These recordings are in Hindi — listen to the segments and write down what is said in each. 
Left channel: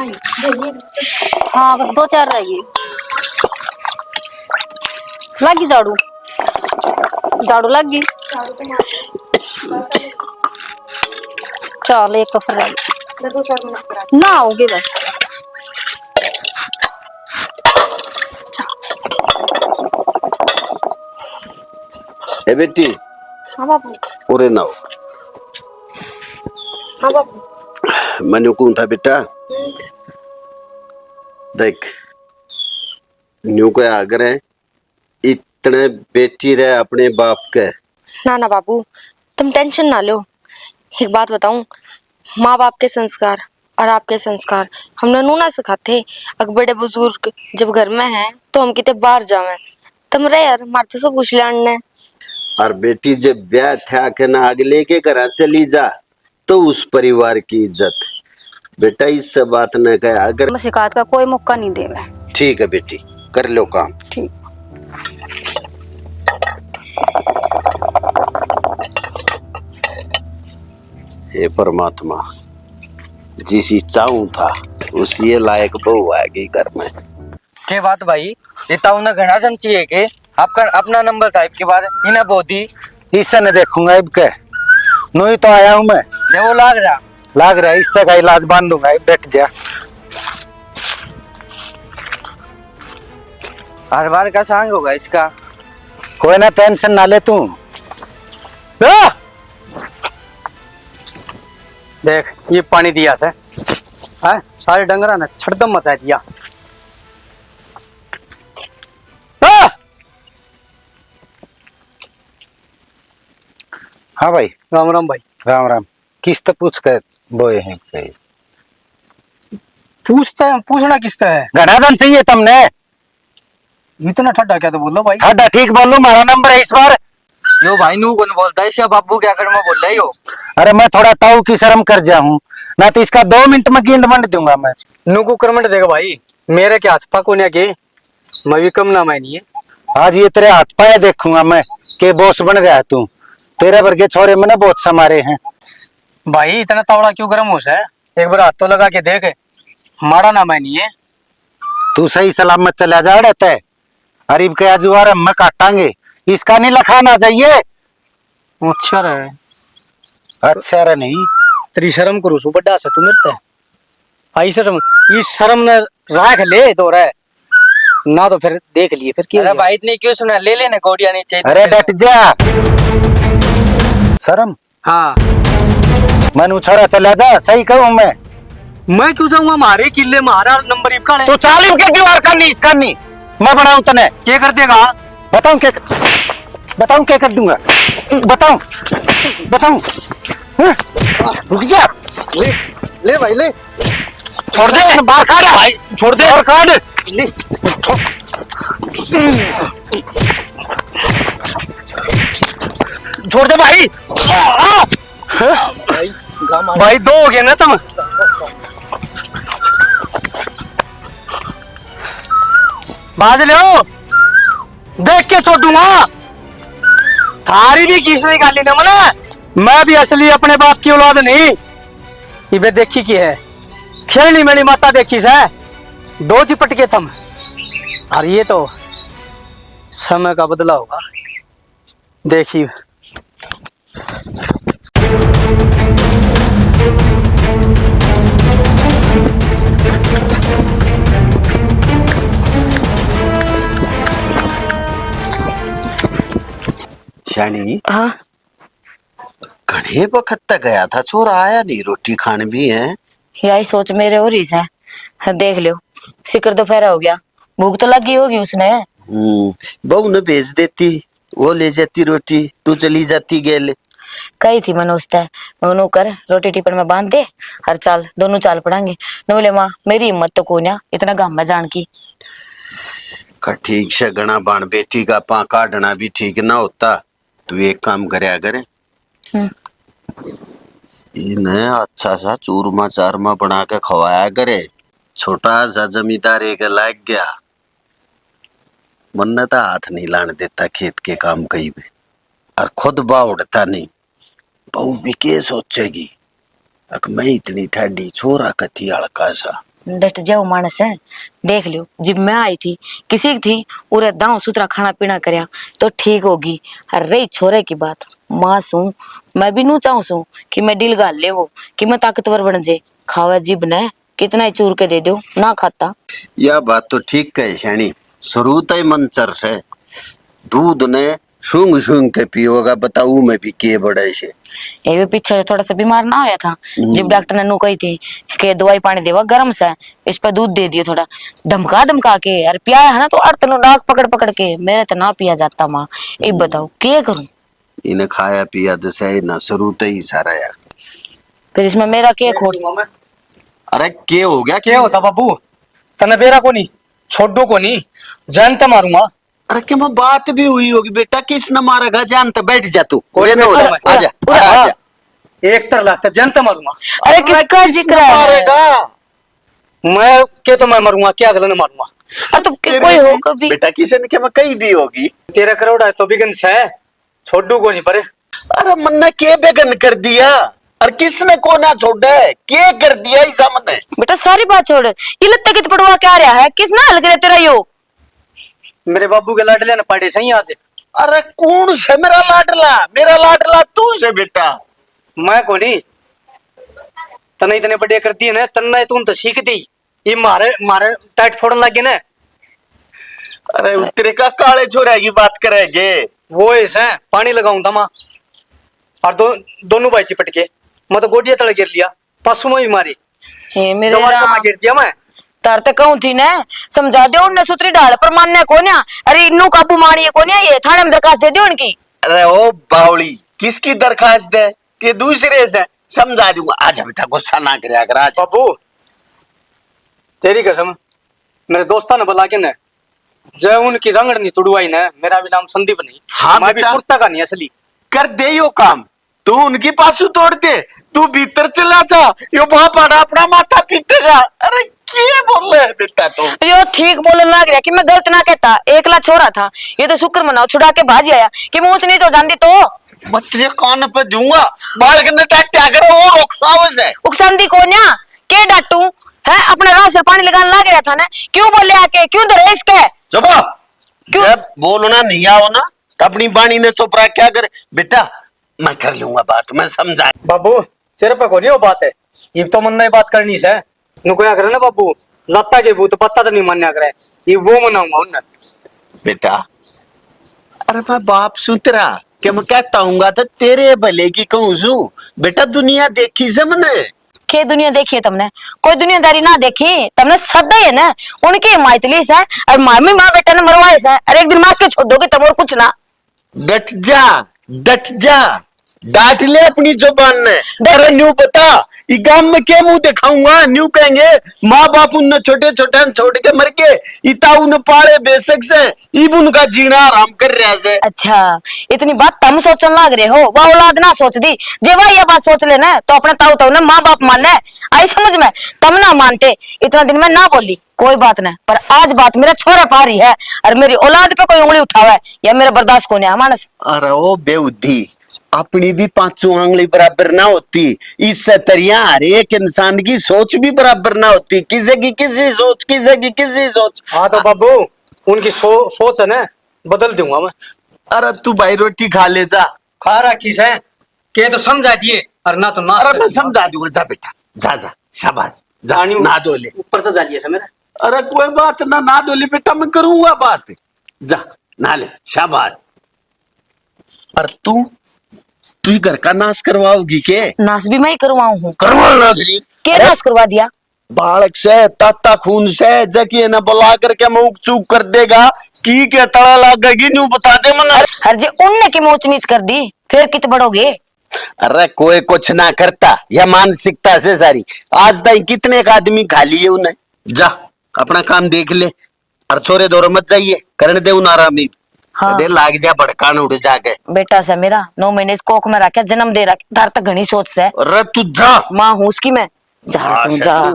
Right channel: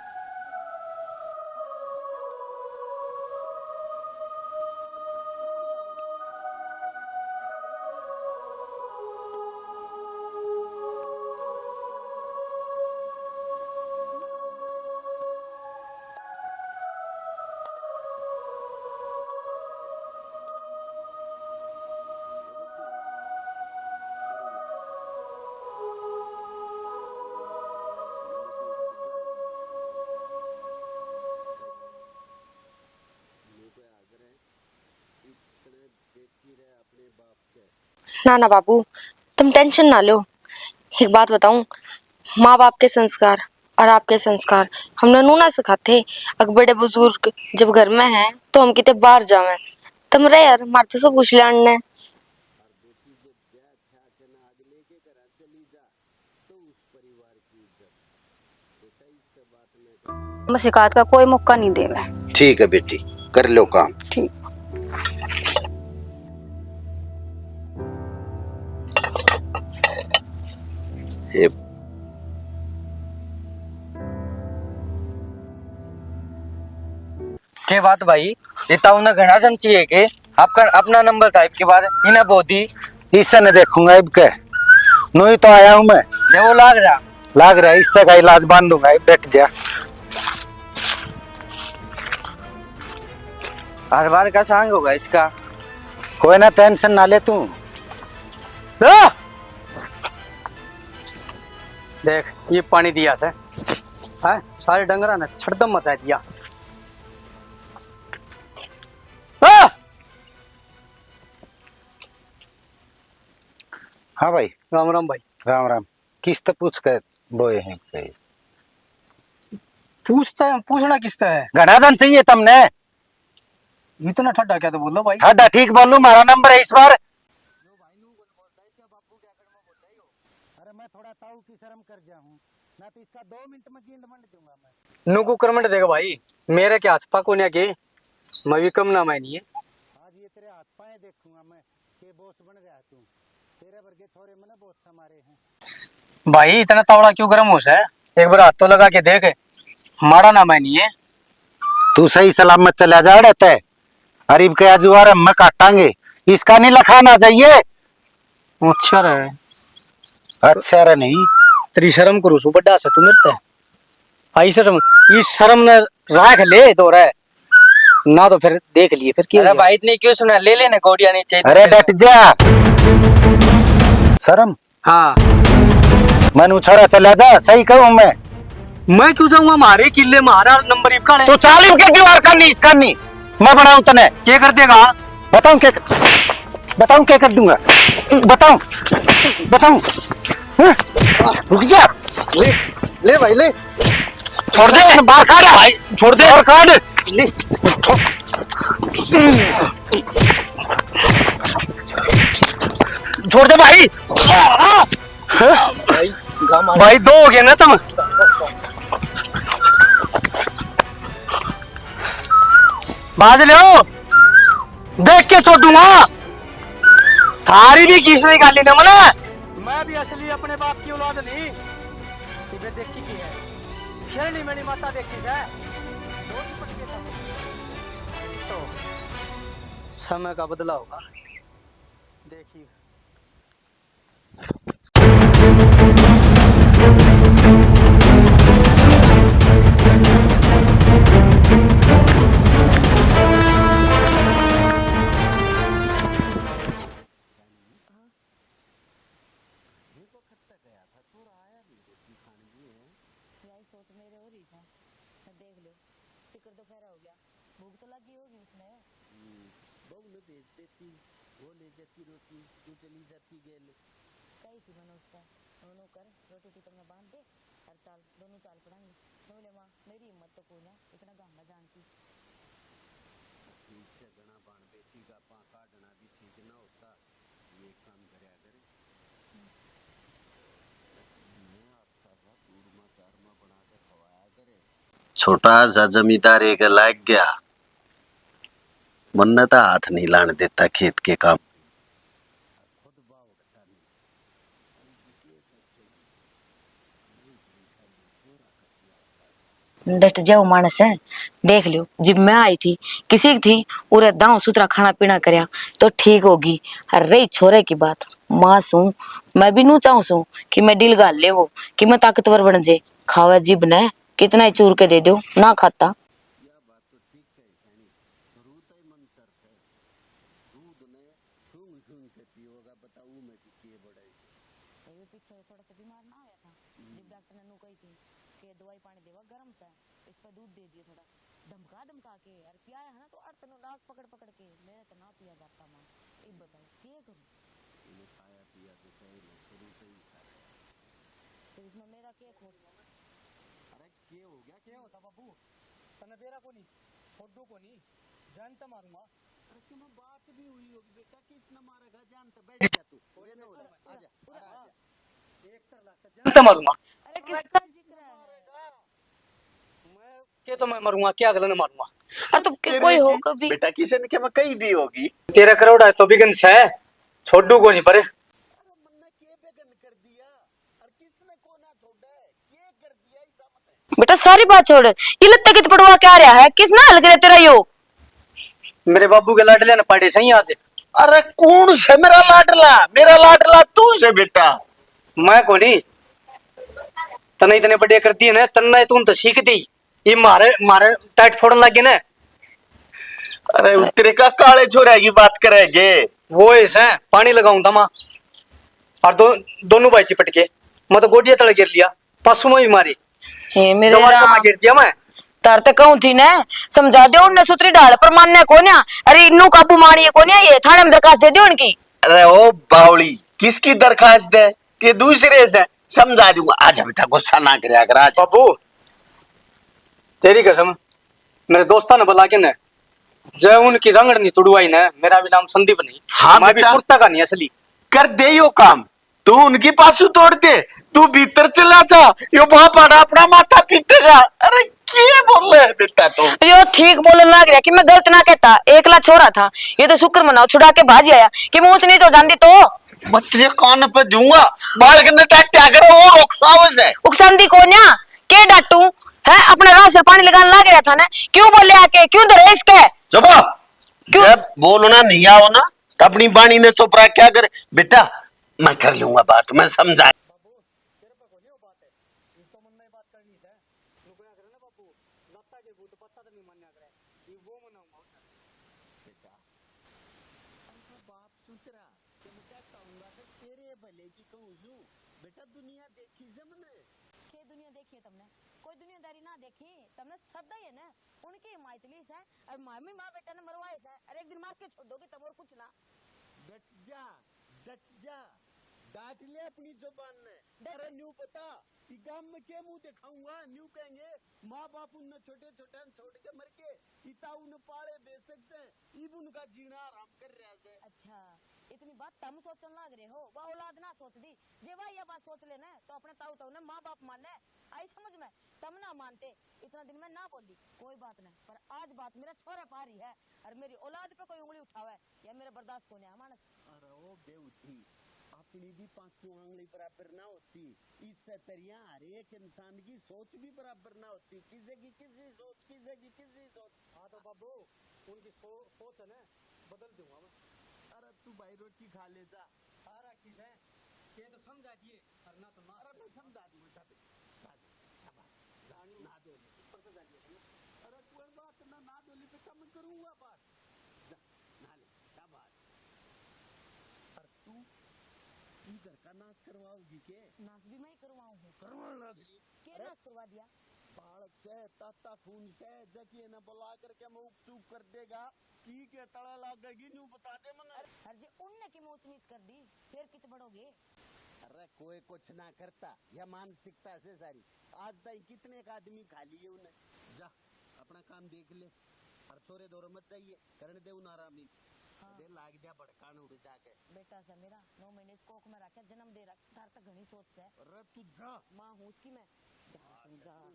हाँ बस दो चार रह गई। लगी झाड़ू, झाड़ू लग गई। चल एक तो फिर ना होगी बस। ए बेटी। हाँ बाबू। ओरे ना हो। हाँ बाबू। मैंने कौन था बेटा, देख न्यू को आग्रह इतने बेटी रहे अपने बाप के। ना ना बाबू, तुम टेंशन ना लो। एक बात बताऊं, माँ बाप के संस्कार और आपके संस्कार हम ननू ना सिखाते। अगर बड़े बुजुर्ग जब घर में हैं तो हम कितने बाहर जावे। तुम रे यार मारते से पूछ लाने। और बेटी जब ब्याह था के ना अगले के घर चली जा तो उस परिवार की इज्जत। बेटा इससे बात न कहे अगर। मैं शिकायत का कोई मौका नहीं दे। ठीक है बेटी, कर लो काम। ठीक। हे परमात्मा, जिस चाहूं था उसी लायक बहू आएगी घर में। के बात भाई, इतना उन्हें घना जन चाहिए के आपका अपना नंबर था इसके बाद इन्हें बोधी इससे न देखूंगा अब के नो ही तो आया हूं मैं। वो लाग रहा इससे का इलाज बांधूंगा, बैठ जा। हर बार का सांग होगा इसका। कोई ना टेंशन ना ले तू। देख ये पानी दिया से है सारे डंगरा ने छड़दम मचा दिया। हाँ भाई। राम राम भाई। राम राम। किस्त पूछ कर बोए हैं पूछना किसका है? घनाधन चाहिए तुमने? इतना ठंडा क्या तो बोलो भाई। ठंडा ठीक बोलू, हमारा नंबर है इस बार। यो भाई नू कौन बोलता है इसका बाबू क्या कर मैं बोल रहा है यो। अरे मैं थोड़ा ताऊ की शर्म कर जा हूँ ना, तो इसका 2 मिनट में गिंड मंड दूंगा मैं। नू को करमट देगा भाई, मेरे के हाथ पा कोने के मैं भी कम ना मानी है। आज ये तेरे हाथ पाए देखूंगा मैं के बॉस बन गया तू। तेरे वर्गे छोरे मैंने बहुत समारे हैं भाई। इतना तावड़ा क्यों गर्म हो सा है? एक बार हाथ तो लगा के देख, मारा ना मानी है। तू सही सलामत चला जा रहता है। अरीब के अजुआर हम काटांगे, इसका नहीं लखाना चाहिए। अच्छा रहे। अच्छा रे नहीं तेरी शर्म करो सु बड़ा सा तू मिलता है। आई शर्म, इस शर्म ने राख ले तो रहे ना तो फिर देख लिए फिर क्यों। अरे भाई इतनी क्यों सुना, ले लेने गोड़िया नहीं चाहिए। अरे डट जा। शर्म? हाँ मनु छोरा चला जा, सही कहूं मैं क्यों जाऊंगा? मारे किले मारा नंबर इबका तो चाल इनके दीवार करनी इसका नहीं मैं बनाऊं तने क्या कर देगा? बताऊं क्या कर दूंगा? बताऊं हाँ? रुक जा। ले भाई ले, छोड़ दे, बाहर काट भाई, छोड़ दे और काट ले। छोड़ दे भाई। भाई दो हो गए ना तुम। बाज लो, देख के छोड़ूंगा। थारी भी किस निकाली ना मना, मैं भी असली अपने बाप की औलाद नहीं। ये देखी की है खेलनी मेरी माता देखी से दो चिपट के थम। और ये तो समय का बदला होगा देखिए। शानी हाँ घने वक्त तक गया था, छोरा आया नहीं, रोटी खाने भी है। यही सोच मेरे हो रही है। देख लो शिकर दोपहर हो गया, भूख तो लगी होगी उसने। बहू ने भेज देती, वो ले जाती रोटी, तू चली जाती गेल। कही थी मनोज तय मनु कर रोटी टिपन में बांध दे और चाल दोनों चाल पड़ांगे। नोले माँ मेरी हिम्मत तो कोन्या इतना गाम में जान की। ठीक से गणा बाण बेटी का पा काटना भी ठीक ना होता। तू एक काम करे करे, इन्हें अच्छा सा चूरमा चारमा बना के खवाया करे। छोटा सा जमींदार एक लाग गया, मन तो हाथ नहीं लाने देता खेत के काम कहीं भी, और खुद बा उड़ता नहीं। बहू भी के सोचेगी, अक मैं इतनी ठाडी छोरा कथी हड़का सा। डट जाओ मानस है। देख लियो जब मैं आई थी किसी की थी उरे दांव सुथरा खाना पीना करया तो ठीक होगी। और रही छोरे की बात, मां सू मैं भी नू चाहूं सू कि मैं दिल गाल ले वो कि मैं ताकतवर बन जे। खावे जीब ने कितना ही चूर के दे दो ना खाता। यह बात तो ठीक कहे शानी, शुरू तय मंचर से दूध ने सूंघ सूंघ के पियोगा, बताऊ मैं भी के बड़े से। ये भी पीछे थोड़ा सा बीमार ना होया था जब डॉक्टर ने नू कही थी कि दवाई पानी देवा गर्म से, इस पे दूध दे दियो थोड़ा धमका धमका के। यार पिया है ना तो अर्थ नो नाक पकड़ पकड़ के, मेरे तो ना पिया जाता माँ। ये बताओ क्या करूं? इन्हें खाया पिया तो सही ना, शुरू तय ही सारा यार। फिर इसमें मेरा क्या खोट? अरे के हो गया क्या होता बाबू? तने बेरा को नहीं छोड़ो को नहीं जानता मारूंगा। अरे क्या मैं बात भी हुई होगी बेटा, किस न मारेगा जानता, बैठ जा तू। कोई रहने नहीं, वाला, आजा उरा, आजा। एक तर लगता जानता मारूंगा। अरे किसका जिक्र है? मारेगा मैं के तो मैं मरूंगा, क्या अगला ने मारूंगा। अरे तो कोई हो कभी बेटा, किसी ने क्या मैं कहीं भी होगी। तेरा करोड़ है तो बिगन से छोड़ू को नहीं परे। अरे मन्ना के बेगन कर दिया और किसने को ना छोड़ा है, के कर दिया इस हमने। बेटा सारी बात छोड़, ये लत्ता कित पड़वा क्या रहा है? किसने हल करे तेरा यो? मेरे बाबू के लाडले ने पड़े सही आज। अरे कौन से मेरा लाडला? मेरा लाडला तू से बेटा। मैं को नहीं तने इतने बड़े कर दिए ना, तन्ना तुम तो सीख दी। ये मारे मारे टाइट फोड़न लगे ना। अरे तेरे का काले छोरा की बात करेंगे वो ऐसा पानी लगाऊं था माँ और दोनों भाई चिपट के मैं तो गोडिया तले गिर लिया, पशु में भी मारी हे मेरे जवार का राम, मैं गिर दिया मैं। तार तक कहूं थी ने समझा दे उन्ने सूत्री डाल पर मानने को न्या। अरे इन्नू काबू मारिए को न्या, ये थाने में दरखास्त दे दियो उनकी। अरे ओ बावली, किसकी दरखास्त है कि दूसरे से? समझा दूंगा, आजा बेटा गुस्सा ना करे अगर आज। बाबू तेरी कसम मेरे दोस्ता ने बुला के न जय उनकी रंगड़ नहीं तुड़वाई न, मेरा भी नाम संदीप नहीं। हाँ मैं भी बेटा। सुरता का नहीं असली। कर दे यो काम, तू उनकी पासू तोड़ दे, तू भीतर चला जा, यो बाप आड़ा अपना माथा पीटेगा। अरे क्या बोल रहे है बेटा तू? यो ठीक बोलन लग रहा कि मैं गलत ना कहता, एकला छोरा था। ये तो शुक्र मनाओ छुड़ा के भाज आया कि मुंह नहीं तो जानती तो मैं तुझे कान पे दूंगा, बालक ने टट्टा करो वो रोकसावज है। उकसांदी को न्या के डाटू है? अपने राह से पानी लगाने लग रहा था ना, क्यों बोले आके? क्यों धरे इसके? चुप क्यों? जब बोलना नहीं आओ ना तो अपनी बाणी ने चुप रहा, क्या करे बेटा? मैं कर लूंगा बात, मैं समझा। बाबू तेरे पे को नहीं वो बात है, ये तो मन नहीं बात करनी से नु क्या करे ना बाबू, लत्ता के भूत पत्ता तो नहीं मान्या करे, ये वो मनाऊंगा उन्हें। बेटा अरे मैं बाप सुतरा क्या मैं कहता हूँ तो तेरे भले की कहूँ सू बेटा, दुनिया देखी से मैंने। के दुनिया देखी है तुमने? कोई दुनियादारी ना देखी तुमने, सदा है ना उनकी हिमायतली से और मामी माँ बेटा ने मरवाए से। अरे एक दिन मार के छोड़ दोगे तुम और कुछ ना। डट जा, डट जा, डांट ले अपनी जुबान ने। अरे न्यू बता ये गांव में क्या मुंह दिखाऊंगा? न्यू कहेंगे माँ बाप उन छोटे छोटे छोड़ के मर के इता उन पाले बेसक से इब उनका जीना आराम कर रहा है। अच्छा इतनी बात तुम सोचने लग रहे हो, वह औलाद ना सोच दी। जे वह ये बात सोच लेना तो अपने ताऊ ताऊ ने माँ बाप मानना है, आई समझ में? तुम ना मानते इतना दिन में ना बोली कोई बात नहीं, पर आज बात मेरा छोरा पा रही है और मेरी औलाद पे कोई उंगली उठावा है या मेरा बर्दाश्त को नहीं है मानस। अरे ओ बेउद्धी, अपनी भी पांचों आंगली बराबर ना होती, इससे तरिया हर एक इंसान की सोच भी बराबर ना होती। किसी की किसी सोच, किसी की किसी सोच। हाँ तो बाबू उनकी सोच है ना बदल दूंगा मैं। अरे तू भाई रोटी खा ले जा। खा रखी से के तो समझा दिए और ना तो ना अरे मैं समझा दूंगा, जा बेटा जा जा, शाबाश जा, ना दो ले। ऊपर तो जालिए से मेरा। अरे कोई बात ना, ना दो ले बेटा, मैं करूंगा बात, जा ना ले, शाबाश। और तू घर का नाश करवाओगी के? नाश भी मैं ही करवाऊं हूँ। करवा के नाश करवा दिया? बालक से ताता खून से जकी न बुला करके मुख चूक कर देगा की के तड़ा लगेगी, न्यू बता दे मन। हर जे उनने की मोच नीच कर दी फिर कित बढ़ोगे? अरे कोई कुछ ना करता, यह मानसिकता से सारी। आज तक कितने का आदमी खा लिए उन्हें। जा अपना काम देख ले और छोरे दौर मत जाइए, करने दे उन आरामी। हाँ। दे लाग जा भड़कान उड़ जाके। बेटा से मेरा 9 महीने इस कोख में रखा, जन्म दे रखा, धार तक घनी सोच से। अरे तू जा, माँ हूँ उसकी मैं। जा तू जा।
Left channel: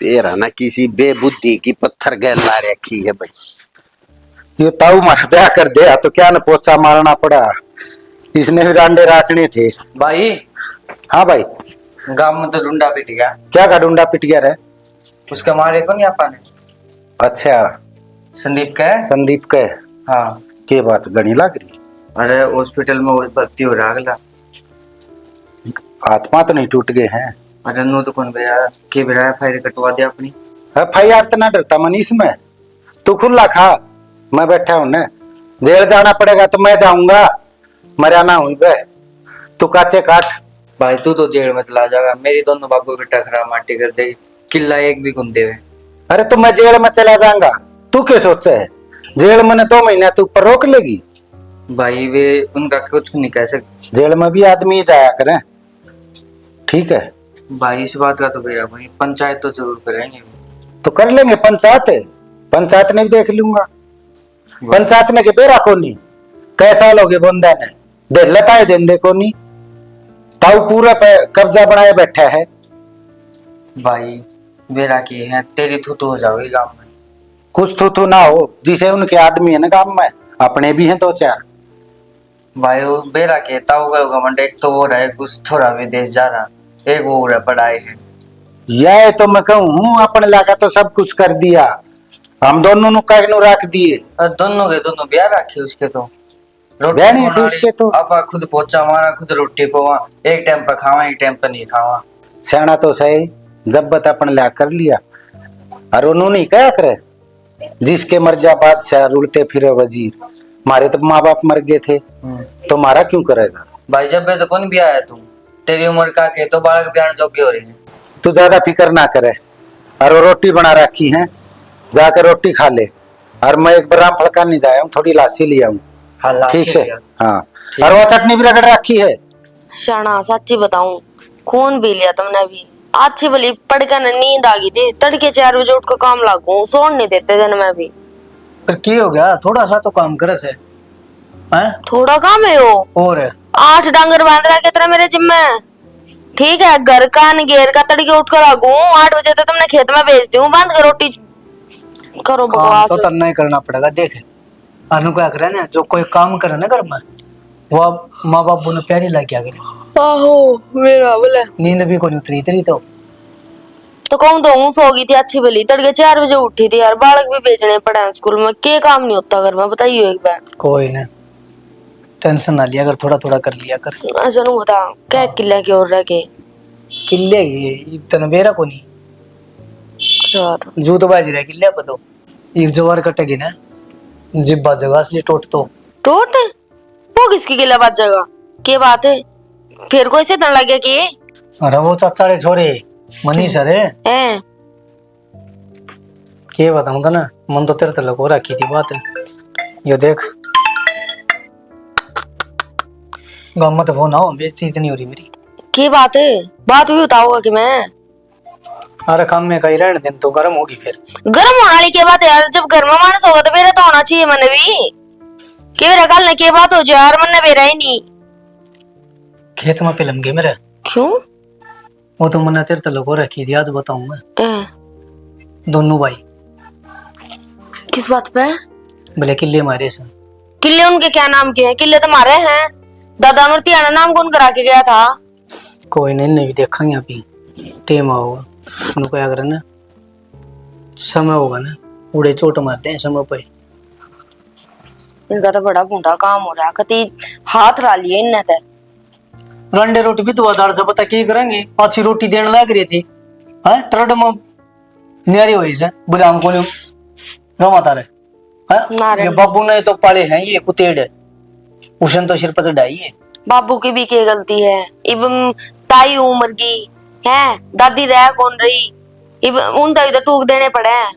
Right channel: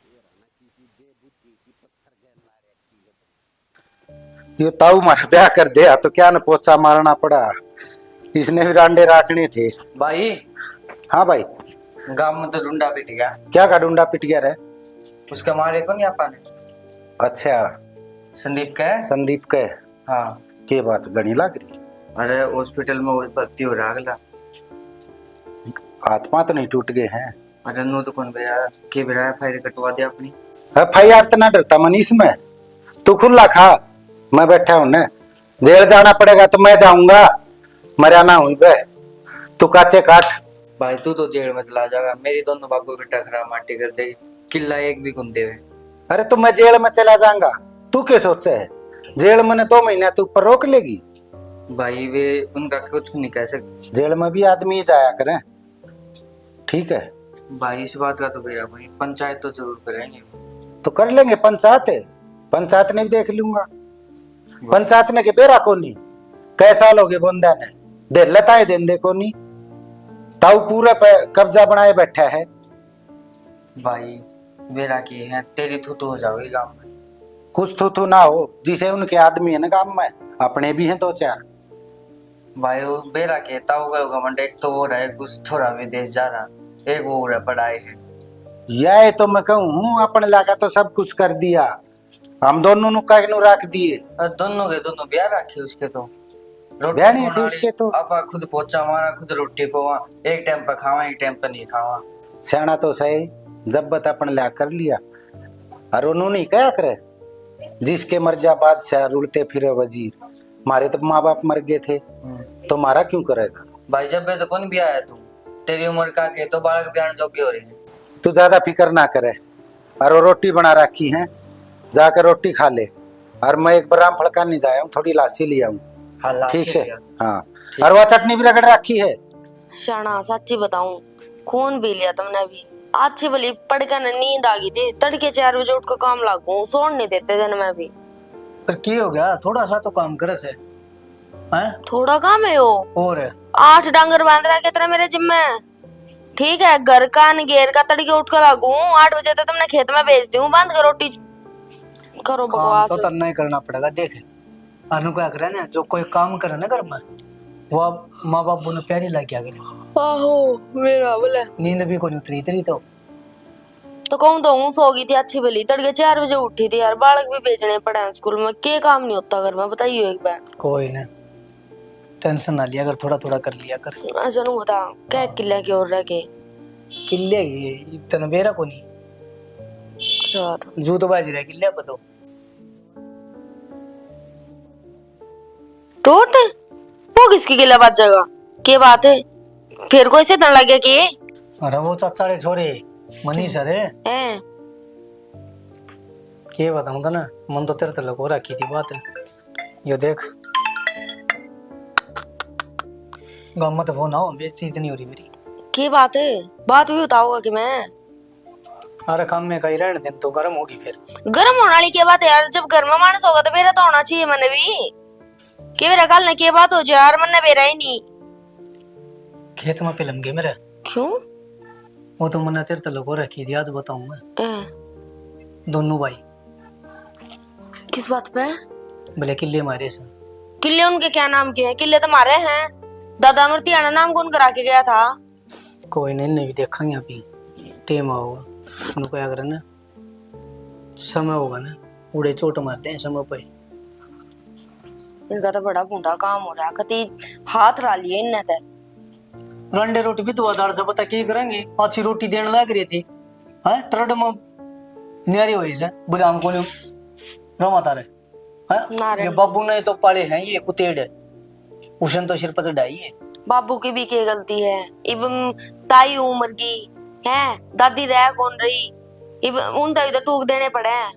तेरा ना किसी बेबुद्धि की पत्थर गैल ला रखी है भाई। ये ताऊ मारा ब्याह कर दिया तो क्या न पोचा मारना पड़ा, इसने भी रांडे राखने थे। भाई हाँ भाई। गांव में तो डुंडा पिट गया। क्या का डूंडा पिट गया रे? उसके मारे को नहीं आपा ने। अच्छा, संदीप का है? संदीप के? हाँ। के बात गणी लग रही? अरे हॉस्पिटल में वो भर्ती हो रहा अगला। आत्मा तो नहीं टूट गए हैं? अरे नो तो कौन बेरा के बेरा फायर कटवा दिया अपनी। FIR तो ना डरता मनीष में, तू खुला खा, मैं बैठा हूं ना। जेल जाना पड़ेगा तो मैं जाऊंगा, मरा ना हुई बे, तू काचे काट। भाई तू तो जेल में चला जाएगा, मेरी दोनों बाबू बेटा खराब माटी कर देगी, किला एक भी गुंदे हुए। अरे तो मैं जेल में चला जाऊंगा, तू क्या सोचे है? जेल में 2 महीने तू ऊपर रोक लेगी? भाई वे उनका कुछ नहीं कह सकते। जेल में भी आदमी ही जाया करे, ठीक है? भाई इस बात का तो बेरा कोई, पंचायत तो जरूर करेंगे। तो कर लेंगे पंचायत, पंचायत ने भी देख लूंगा। पंचायत ने के बेरा को नहीं, कै साल हो गए बंदा ने दे लताए देंदे को नहीं, ताऊ पूरा पे कब्जा बनाए बैठा है। भाई बेरा की है, तेरी थूतू हो जाओगी गांव में। कुछ तो ना हो, जिसे उनके आदमी है ना गांव में, अपने भी हैं 2-4। भाई वो बेरा के ताऊ का घमंड, एक तो वो रहे कुछ छोरा विदेश जा रहा, एक वो रहे पढ़ाई है। यह तो मैं कहूँ अपने लाका तो सब कुछ कर दिया, हम दोनों नु कहीं नु रख दिए। दोनों के दोनों ब्याह रखे उसके तो। ब्याह नहीं थे उसके तो। आपा खुद पोचा मारा, खुद रोटी पवा, एक टाइम पर खावा एक टाइम पर नहीं खावा। सियाना तो सही, जब बता अपन ला कर लिया। और उन्होंने नहीं क्या करे, जिसके मर जा बादशाह रुलते फिरे वजीर, मारे तो माँ बाप मर गए थे, तो मारा क्यों करेगा? भाई जब बे तो कौन ब्याह है तू, तेरी उम्र का के तो बालक ब्याह जोग्य हो रही है। तू ज्यादा फिक्र ना करे, और वो रोटी बना रखी है, जाकर रोटी खा ले। और मैं एक बार फड़का नहीं जाया हूँ, थोड़ी लासी लिया हूँ, हाँ, लाशी ठीक है? लिया। हाँ, और वो चटनी भी रगड़ रखी है। शाना सच्ची बताऊं, खून पी लिया तुमने भी। अच्छी भली पड़कर नींद आ गई थी, तड़के 4 बजे उठ कर काम लागू, सोने नहीं देते दिन में भी। पर की हो गया, थोड़ा सा तो काम करे से हैं? थोड़ा काम है वो, और 8 डांगर बांध रहा कितना मेरे जिम्मे। ठीक है, घर का घेर का तड़के उठ कर लागू, 8 बजे तो तुमने खेत में भेज दूं, बांध कर रोटी करो काम बकवास। तो करना ही करना पड़ेगा। देख अनु क्या करे ना, जो कोई काम करे ना घर में, वो माँ बाप ने प्यारी ला क्या करे। आहो मेरा बोले नींद भी कोई उतरी तेरी तो कहूँ तो हूँ सो गई थी अच्छी भली, तड़के 4 बजे उठी थी यार, बालक भी भेजने पड़े हैं स्कूल में, के काम नहीं होता घर में बताइए एक बार। कोई ना, टेंशन ना लिया कर, थोड़ा थोड़ा कर लिया कर। अच्छा नु बता क्या किले की ओर रह के किले की तन बेरा को नहीं क्या बात है? जू तो बाजी रहा किले पर तो एक जवार कटेगी ना, जिब्बा जगह असली टोट तो टोट वो किसकी किले बात जगह के बात है? फिर कोई से तन लगे कि अरे वो चाचाड़े छोरे मनीष अरे हैं के बताऊं था ना, मन तो तेरे तलक हो रखी थी बात है। यो देख गाँव में तो वो ना हो, बेइज्जती इतनी हो रही मेरी। की बात है? बात भी बताओगा कि मैं अरे काम में कहीं रहने दिन तो गर्म होगी फिर। गर्म होने वाली के बात है यार, जब घर में मानस होगा तो मेरा तो होना चाहिए मन भी के मेरा कल न के बात हो जाए यार, मन ने मेरा ही नहीं। खेत में पिलम गए मेरे, क्यों? वो तो मैंने तेरे तलक हो रखी थी, आज बताऊं मैं। ए, दोनों भाई किस बात पे? भले किले मारे से। किले उनके क्या नाम के हैं? किले तो मारे हैं, दादा मूर्तियाना नाम कौन करा के गया था? कोई नहीं, इन्हें भी देखेंगे अभी टेम होगा उनको क्या करना, समय होगा ना, उड़े चोट मारते हैं समय पे। इनका तो बड़ा बूढ़ा काम हो रहा है, कति हाथ ला लिए इनने तो। रंडे रोटी भी तो दाल से पता की करेंगे, अच्छी रोटी देने लग रही थी हाँ, ट्रड में न्यारी हुई से बोले हमको नहीं रमाता रहे हाँ? ये बाबू ने तो पाले हैं ये कुतेड़, उसन तो सिर पर चढ़ाई है। बाबू की भी क्या गलती है? इब ताई उम्र की है, दादी रह कौन रही, इब उन तो टूक देने पड़े हैं।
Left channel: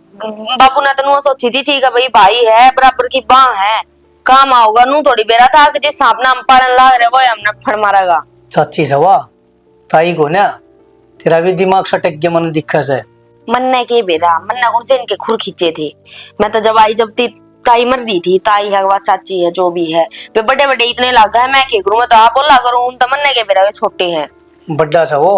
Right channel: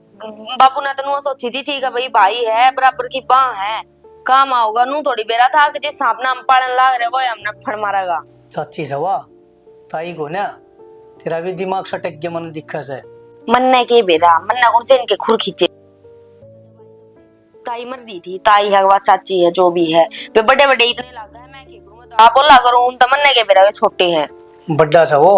बाबू ने तो सोची थी ठीक है भाई, भाई है बराबर की बाँ है, काम आओगा नू थोड़ी बेरा था कि जिस सांप नाम पालन लाग रहे वो हमने फड़ मारेगा। चाची सवा ताई को ना, तेरा भी दिमाग सटक गया मन दिक्कत है। मन्ने के बेरा मन्ना कौन से इनके खुर खींचे थे, मैं तो जब आई जब ताई मर दी थी, ताई है वह चाची है जो भी है, वे बड़े बड़े इतने लागा है, मैं क्या करूं, मैं तो आप बोला करूं, उन तो मन्ने के बेरा वे छोटे हैं। बड्डा सा वो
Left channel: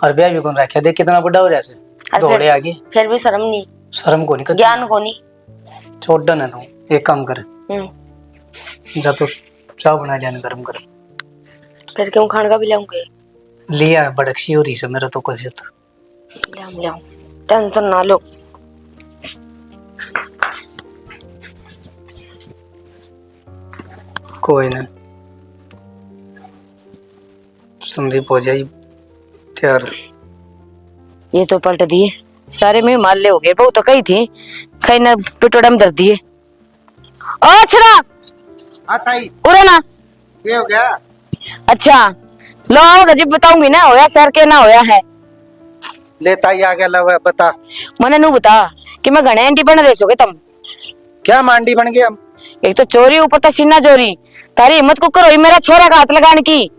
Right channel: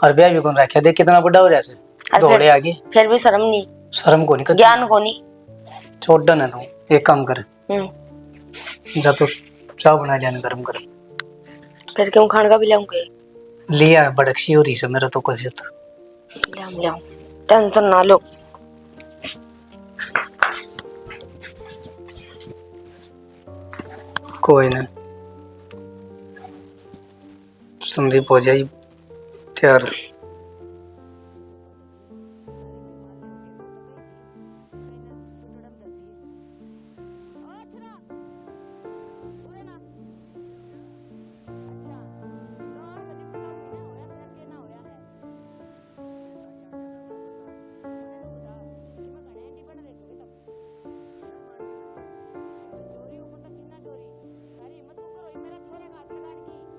और ब्याह भी कौन रखा, देख कितना बड़ा हो रहा है, दौड़े आगे फिर भी शर्म नहीं, शर्म को नहीं, ज्ञान को नहीं। छोड़ डन तू, एक काम कर जा तो चाय बना लिया गरम गरम, फिर क्यों खाने का भी लाऊंगे? लिया बड़कसी हो रही से मेरा तो कुछ होता। ले आओ, टेंशन ना लो। कोई ना, संदीप हो जाए तैयार। ये तो पलट दिए सारे में माल्ले हो गए। बहु तो कही थी कहीं ना पिटोड़म दर दिए। ओ छरा ताई उरे ना। ये हो गया। अच्छा लो आओ जब बताऊंगी ना होया सर के ना होया है। ले ताई आ गया लव बता। मने नू बता कि मैं घने एंटी बन रहे सोगे तुम। क्या मांडी बन गए हम? एक तो चोरी ऊपर तो सीना चोरी। तारी हिम्मत को करो मेरा छोरा का हाथ लगाने की।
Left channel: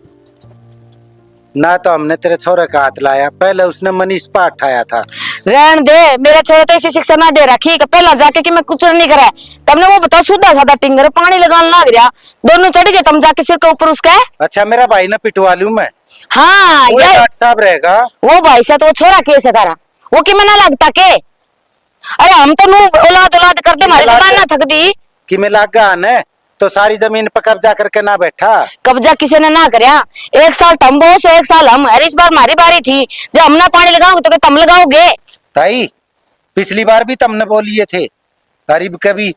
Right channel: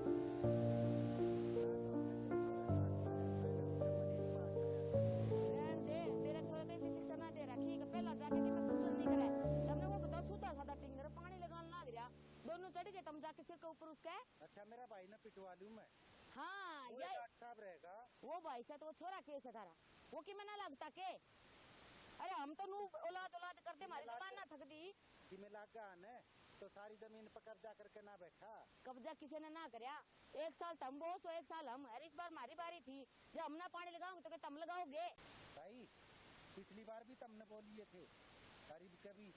ना तो हमने तेरे छोरे का हाथ लाया, पहले उसने मनीष पा उठाया था। रहन दे मेरा छोरा तो ऐसी शिक्षा ना दे रखी पहला जाके कि मैं कुछ नहीं करा। तुमने वो बताओ सीधा साधा टिंगर पानी लगाने लग गया दोनों चढ़ गए तुम जाके सिर के ऊपर उसका। अच्छा मेरा भाई ने पिटवा लूं मैं। हाँ वो ये डॉक्टर साहब रहेगा। वो भाई से तो वो छोरा केस है तारा वो कि मैं ना लगता के। अरे हम तो नू औलाद औलाद करते हमारी जबान ना थक दी। कि मैं लागा आने तो सारी जमीन पर कब्जा करके ना बैठा। कब्जा किसी ने ना करया। एक साल तुम बोस एक साल हम। अरे इस बार हमारी बारी थी जब हम ना पानी लगाओगे तो क्या तुम लगाओगे। ताई पिछली बार भी तुमने बोलिए थे गरीब कभी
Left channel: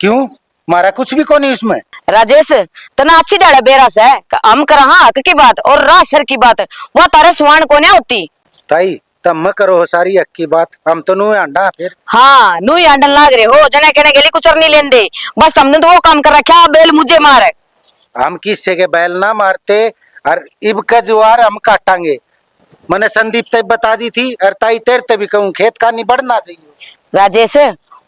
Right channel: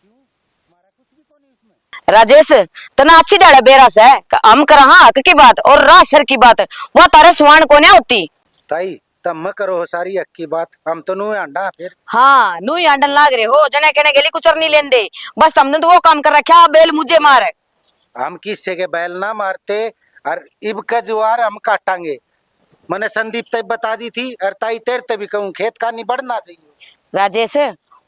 क्यों मारा कुछ भी को नहीं उसमें। राजेश तना अच्छी डाले बेरा से हम कर हाँ हक की बात और राज सर की बात वह तारे सुहान को नहीं होती। ताई तब करो हो सारी हक की बात, हम तो नू अंडा फिर। हाँ नू ही आंडन लाग रहे हो जने कहने के लिए कुछ और नहीं लेंदे बस तुमने तो वो काम कर रखा बेल मुझे मारे। हम किससे के बैल ना मारते और इब का जुआर हम काटांगे। मैंने संदीप तक बता दी थी और ताई तेरे ते भी कहूँ खेत का नहीं बढ़ना चाहिए। राजेश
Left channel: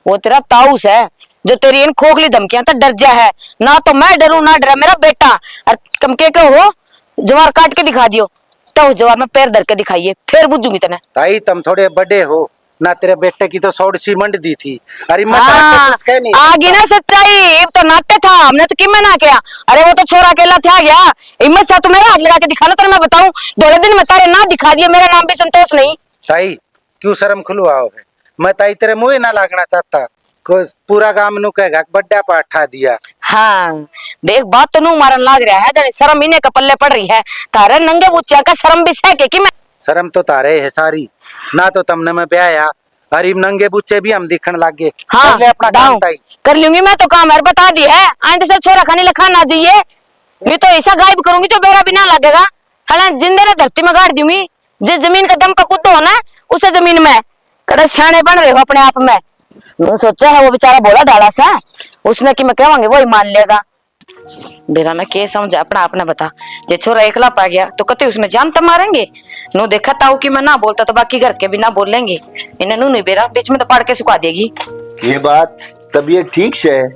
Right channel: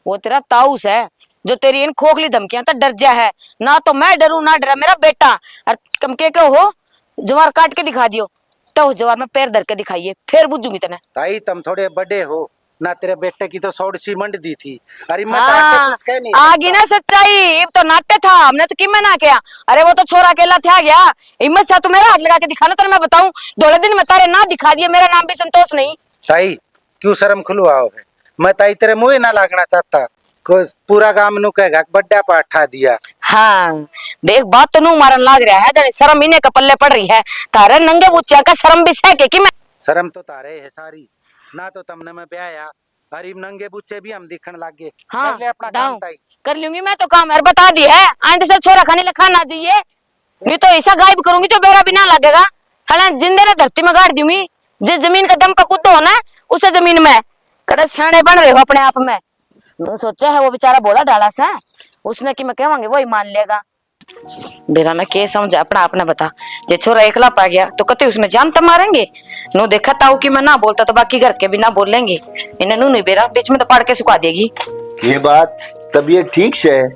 वो तेरा ताऊस है जो तेरी इन खोखली धमकियां तक डर जा है। ना तो मैं डरूं ना डरा मेरा बेटा। और कम के हो जवार काट के दिखा दियो तो उस जवार में पैर धर के दिखाइए फिर बुझूंगी तने। ताई तुम थोड़े बड़े हो ना, तेरे बेटे की तो सौड़ सी मंड दी थी। अरे मैं हाँ, कुछ कह नहीं आगी ना सच्चाई अब तो नाट्य था हमने तो कि मैं ना किया। अरे वो तो छोरा अकेला था गया हिम्मत से तू मेरा हाथ लगा के दिखाना तो मैं बताऊं दौड़े दिन में तारे ना दिखा दिए मेरा नाम भी संतोष नहीं। ताई क्यों शर्म खुलवाओ है? मैं ताई तेरे मुंह ना लागना चाहता को पूरा गांव नु कहेगा बड्डा पाठा दिया। हाँ देख बात तो नू मारन लाग रहा है जाने शर्म इन्हें का पल्ले पड़ रही है तारे नंगे बुच्चा का शर्म भी सह के कि मैं। शर्म तो तारे है सारी ना तो तुमने मैं ब्याया अरे नंगे बुच्चे भी हम दिखने लग गए। हाँ कर ले अपना काम ताई। कर लूंगी मैं तो काम है बता दी है आइंदे से छोरा खाने लखा ना चाहिए। नहीं तो ऐसा गायब करूंगी जो बेरा भी ना लगेगा साला जिंदे ने धरती में गाड़ दूंगी। जिस जमीन का दम का कुत्तो हो ना उसे जमीन में कड़े सियाने बन रहे हो अपने आप में। मैं सोचा है वो बेचारा बोला डाला सा उसने कि मैं कहवांगे वो ही मान लेगा। बेरा मैं के समझा अपना अपना बता जे छोरा एकला पा गया तो कते उसने जान तो मारेंगे। नो देखा ताऊ कि मैं ना बोलता तो बाकी घर के भी ना बोलेंगे इन्हें नू नहीं बेरा बीच में तो पाड़ के सुखा देगी। ये बात तबीयत ठीक से है?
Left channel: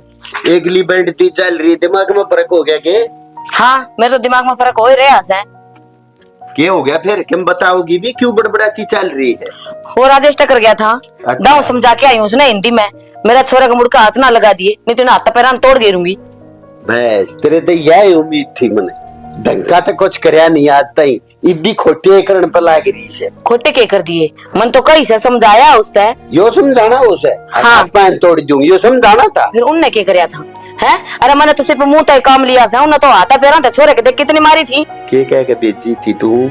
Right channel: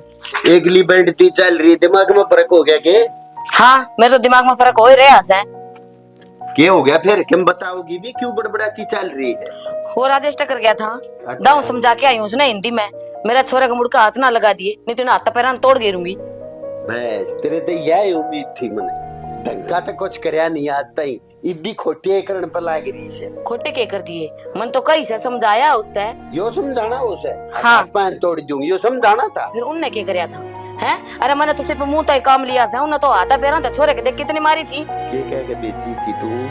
एकली बैठती चल रही दिमाग में फर्क हो गया के? हाँ मेरे तो दिमाग में फर्क हो ही रहा है। क्या हो गया फिर क्यों बताओगी भी क्यों बड़बड़ाती चल रही है? वो राजेश टकर गया था दाऊ समझा के आई हूँ उसने हिंदी में मेरा छोरा का मुड़का हाथ ना लगा दिए नहीं तो हाथ पैरान तोड़ गेरूंगी। बस तेरे तो यही उम्मीद थी मने धंका तो कुछ करया नहीं आज तई इब्बी खोटे करण पर लाग रही है। खोटे के कर दिए मन तो कई से समझाया उसने यो समझाना उसे हाँ। हाथ पैन तोड़ दूंगी यो समझाना था। फिर उनने क्या करया था है। अरे मैंने तो सिर्फ मुंह तक काम लिया था उन्हें तो हाथा पैरा था छोरे के देख कितनी मारी थी। के कह के बेची थी तू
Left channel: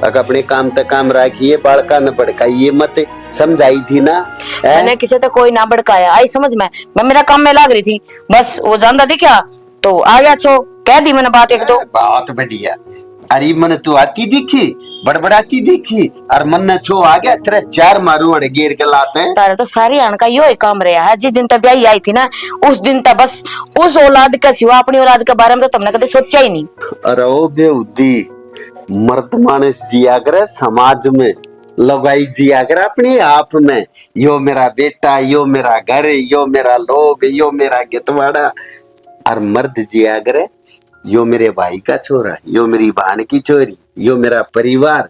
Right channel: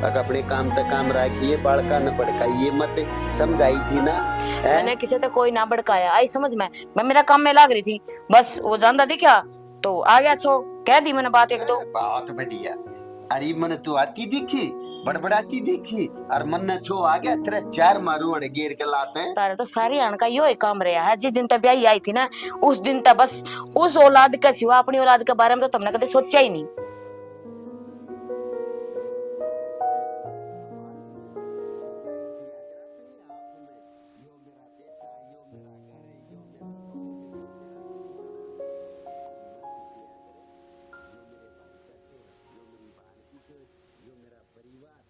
अगर अपने काम तक काम रखिए बालका न भड़काइए मत समझाई थी ना। मैंने किसी तो कोई ना भड़काया आई समझ में मैं मेरा काम में लाग रही थी बस वो जानता थी क्या तो आ गया छो कह दी मैंने बात एक दो। बहुत बढ़िया। अरे मन तू आती दिखी बड़बड़ाती दिखी और मन न छो आ गया तेरा चार मारू अड़ गिर के लाते हैं। तारे तो सारी आन का यो ही काम रहा है। जिस दिन तक ब्याही आई थी ना उस दिन तक बस उस औलाद का सिवा अपनी औलाद के बारे में तो तुमने कभी सोचा ही नहीं। अरे ओ बेउदी मर्द मानस जिया करे समाज में लगाई जिया करे अपने आप में यो मेरा बेटा यो मेरा घर यो मेरा लोग यो मेरा गितवाड़ा और मर्द जिया करे यो मेरे भाई का छोरा यो मेरी बहन की छोरी यो मेरा परिवार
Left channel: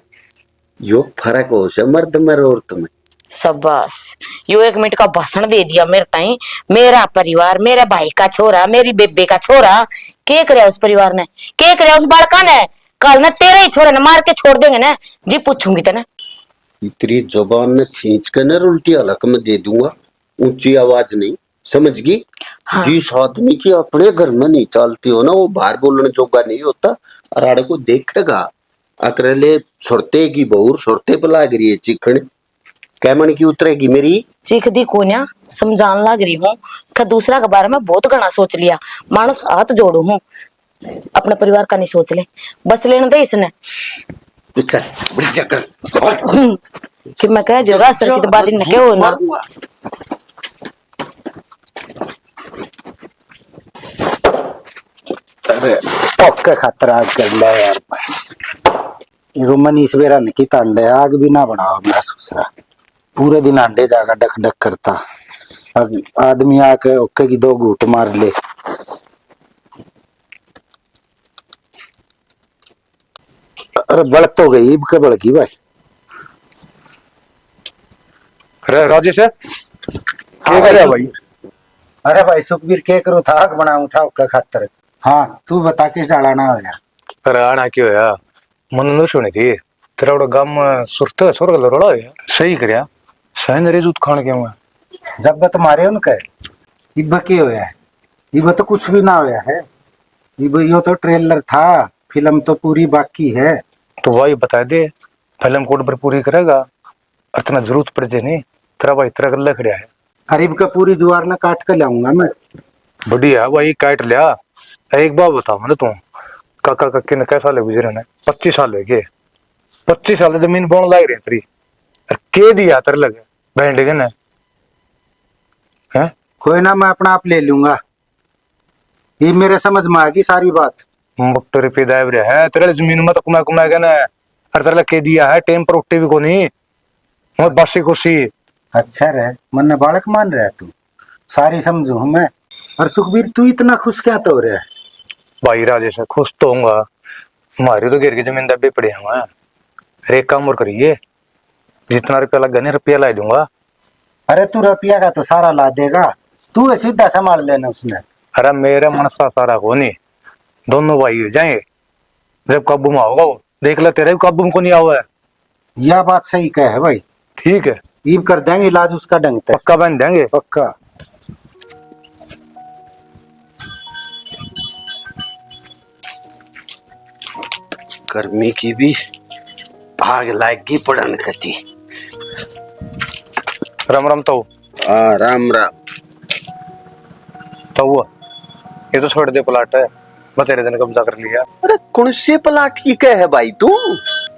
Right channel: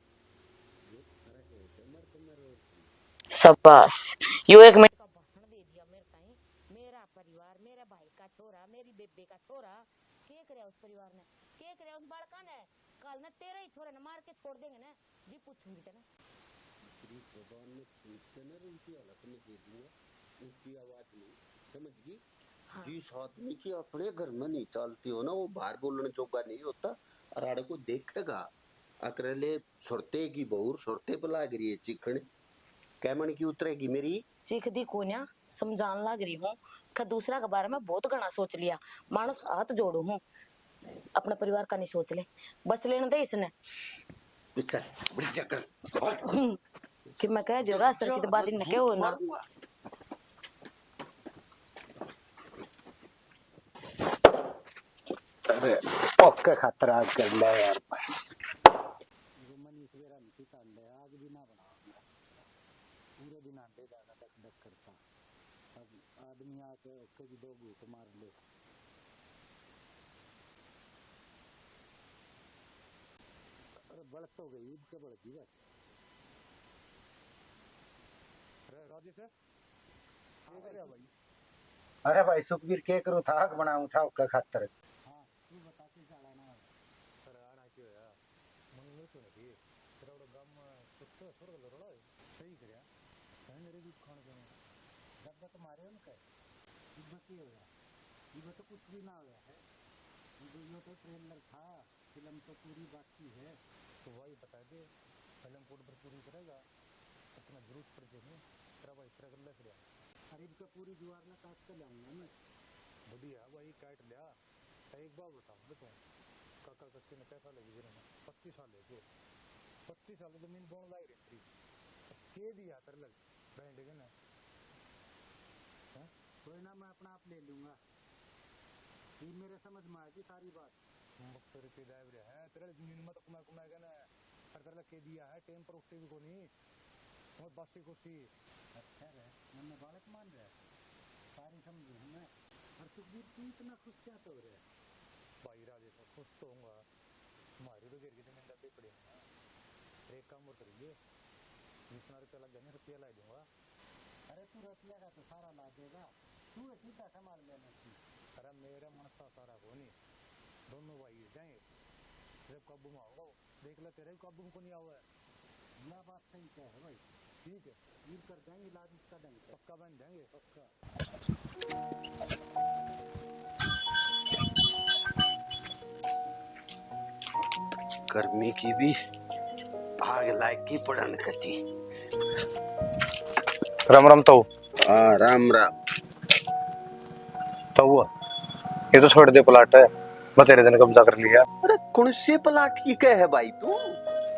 यो फर्क हो से मर्द में और औरत में। शाबाश यो 1 मिनट का भाषण दे दिया मेरे ताई। मेरा परिवार मेरे भाई का छोरा मेरी बेबे का छोरा के करे उस परिवार ने के करे उस बालका ने कल न तेरे ही छोरे ने मार के छोड़ देंगे ना जी पूछूंगी तेने। इतनी जुबान ने खींच कर न उल्टी हलक में दे दूंगा ऊंची आवाज नहीं समझ गई। हाँ। जिस आदमी की अपने घर में नहीं चलती हो ना वो बाहर बोलने जोगा नहीं होता और आड़े को देखेगा अकरले सुरते की बहुर सुरते पर लाग रही है चिकन कैमन की उतरेगी मेरी चीख दी कोन्या समझान लग रही हूँ कि दूसरा के बारे में बहुत घना सोच लिया। मानस हाथ जोड़ू हूँ, अपने परिवार का नहीं सोच ले, बस लेने दे इसने। चल बड़ी चक्कर कि मैं कह जो रास्ते की तो बात न क्यों ना। अरे ओके खातर आग कर ले यार। इको मनीष बेरा निकी ताल ले आग भी ना बनाओ मेरा ससुरा। पूरे दिन अंडे जाकर डक डक करता। अब आदमी आके ओके की 2 घूंट मार ले। अरे बढ़ तो गई इब के बढ़ गई भाई। अरे राजेश है क्या कर रहा भाई? अरे भाई सुखबीर के करो था आग बनाऊं था ओके खातर। हाँ तू बता किस डाला ना होया। अरे आना क्यों है मन न सुनी थी तेरा बड़ा गांव में सुरत सुर रोड़ा है सही करया सही नरे दूध खान क्यों है जब तुम्हारे उनके इब के होया है। इब तो कुछ भी ना होया है। इब यो तो ट्रेलर था, फिल्म तो पूरी बाकी है। तो भाई बता दे फिल्म कोड पर पूरी करेगा और इतना जरूरत पड़ जाए नहीं तेरा भाई तेरा गल्ला खड़ा है। अरीब का पूरी जुआर ना काट कर लाऊंगा मैं। बढ़िया भाई काट लिया। एक बात बता मैंने तू काका काके ने कैसा ले गुजरे ने 25 साल हो गए 25 साल जमीन बोन लाग रही तेरी और के दिया तेरे लगे बैंड के ने हैं कोई ना मैं अपना आप ले लूंगा। ये मेरे समझ में आ गई सारी बात। मुक्टर पे दाब रहा है तेरे जमीन में तो कुमा कुमा के ना और तेरे के दिया है टेम पर उठे भी को नहीं मैं बसी कुर्सी। अच्छा रहे मन ने बालक मान रहा है तू सारी समझू हूं मैं। और सुखबीर तू इतना खुश क्या तो हो रहा है? भाई राजेश खुश तो होऊंगा हमारी तो गिर की जमीन दबे पड़े हैं एक काम और करिए जितना रुपया लगा नहीं रुपया ला दूंगा। अरे तू रुपया का तो सारा ला देगा, तू सीधा संभाल लेना उसने। अरे मेरे मन सा सारा को नहीं दोनों भाई हो जाएंगे जब काबू में होगा वो देख ले तेरे भी काबू में को नहीं हुआ है। यह बात सही कह है भाई। ठीक है ईब कर देंगे इलाज उसका ढंग तक। पक्का बन देंगे पक्का। गर्मी की भी आग लागी पड़न कती। राम राम तो राम राम। तो हुआ ये तो छोड़ दे प्लाट है मैं तेरे दिन कब्जा कर लिया। अरे कौन से प्लाट की कह है भाई तू?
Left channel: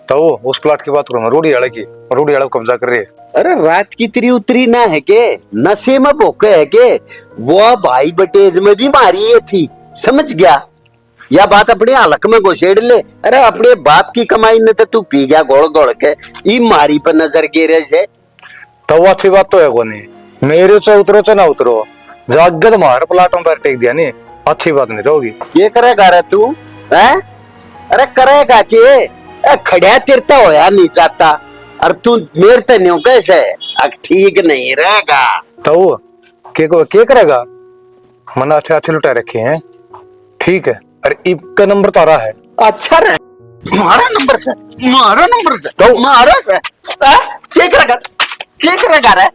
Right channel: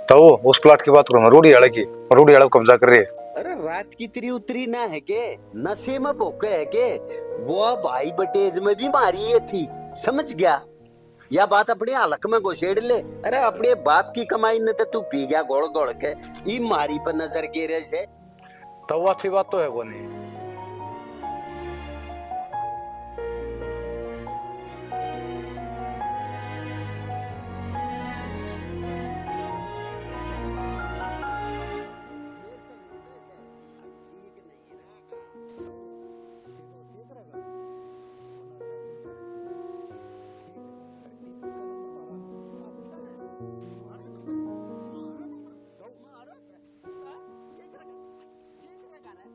तो उस प्लाट की बात करूँ रोडी आड़ा की रोडी आड़ा कब्जा कर रही है। अरे रात की तेरी उतरी ना है के नशे में भोके है के वो भाई बटेज में भी मारी है थी समझ गया। या बात अपने हलक में घुसेड़ ले। अरे अपने बाप की कमाई ने तो तू पी गया गोल गोल के ई मारी पर नजर गिरे से। तो वो अच्छी बात तो है को नहीं मेरे से उतरो चाहे ना उतरो जागत मार प्लाटों पर टेक दिया नहीं अच्छी बात नहीं होगी। ये करेगा रे तू है? अरे करेगा के खड़ा तिरता होया नहीं जाता और तू मेरे तो नहीं कैसे ठीक नहीं रहेगा। तो के करेगा मन अच्छे अच्छे लुटा रखे हैं ठीक है। अरे इब नंबर तारा है अच्छा रे मारा नंबर से तो मारा से क्या करेगा रे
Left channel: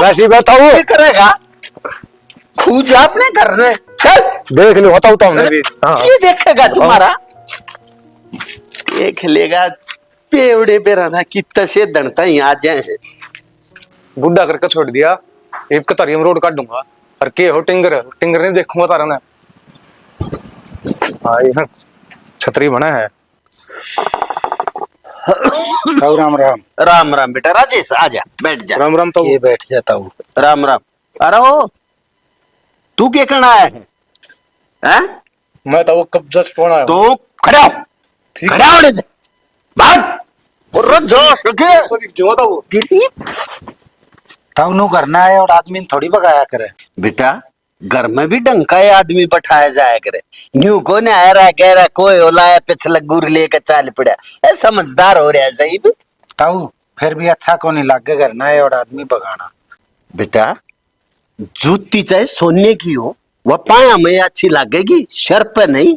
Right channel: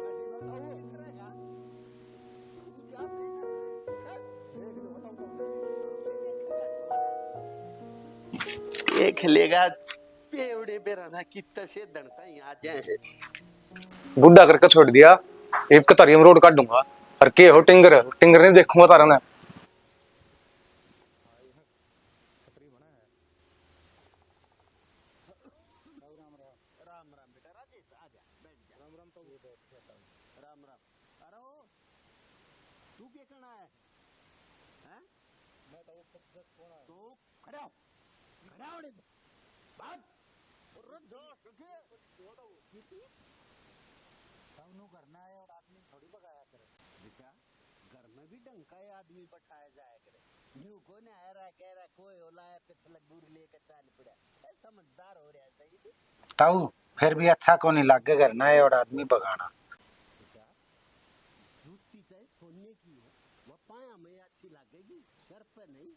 वैसे ही बताओ क्या करेगा खूज आपने करने चल देख लो बताओ तो हमने भी हाँ ये देखेगा तुम्हारा देख लेगा पेवड़े पे रहना कितना से दंडता ही आ जाए। बुढ़ा करके छोड़ दिया इब का तरियम रोड काट दूंगा और के हो टिंगर नहीं देखूंगा तारा ने। हाँ ये छतरी बना है। राम राम। राम राम बेटा राजेश आजा बैठ जा। राम राम तो ये बैठ जाता हूँ। राम राम। अरे ओ तू क्या करना आया है हैं? मैं तो वो कब्जा छोड़ा है तो खड़ा हो ठीक खड़ा होने दे भाग और रुक जाओ सके जो था वो तब नू करना है और आदमी थोड़ी बगाया करे। बेटा घर में भी ढंग का आदमी बैठाया जाया करे न्यू को ने आया रहा कह रहा कोई ओलाया पिछला गुर लेकर चाल पड़ा ए समझदार हो रहा है सही भी। तब फिर भी अच्छा को नहीं लागे करना है और आदमी बगाना। बेटा जूती चाहे सोने की हो वह पाया में अच्छी लगेगी सर पे नहीं।